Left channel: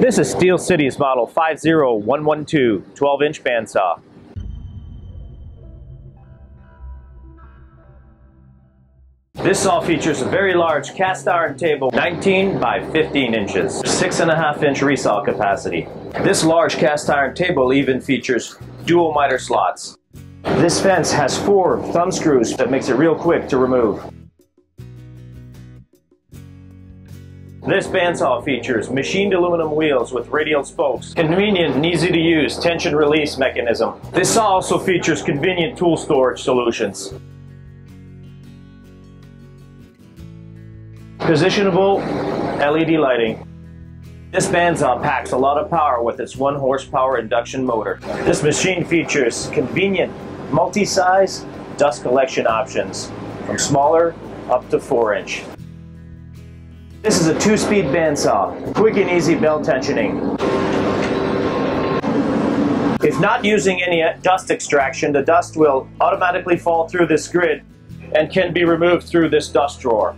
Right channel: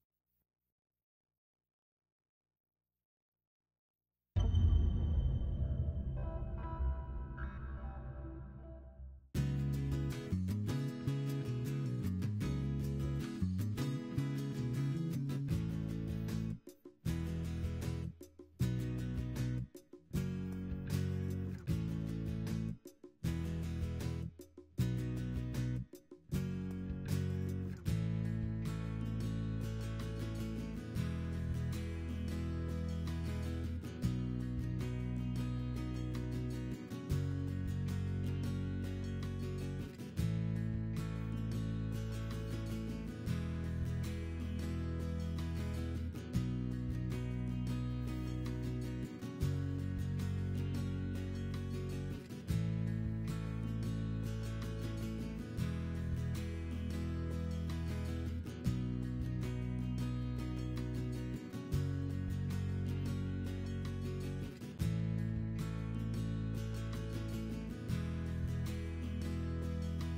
This is Steel City's model 50112 12-inch bandsaw. This saw features a very large cast iron table, 19 by 15 inches, 6.5-inch resaw capacity. This large cast iron table even features dual miter slots. This fence has 4 thumb screws that makes it real quick to remove. This bandsaw features machined aluminum wheels with radial spokes, convenient and easy to use tension release mechanism. This saw also features convenient tool storage solutions. Positionable LED lighting. This bandsaw packs a lot of power with its 1 horsepower induction motor. This machine features convenient multi-size dust collection options from smaller up to 4-inch. This is a 2-speed bandsaw, quick and easy belt tensioning. If not using any dust extraction, the dust will automatically fall through this grid and can be removed through this dust drawer.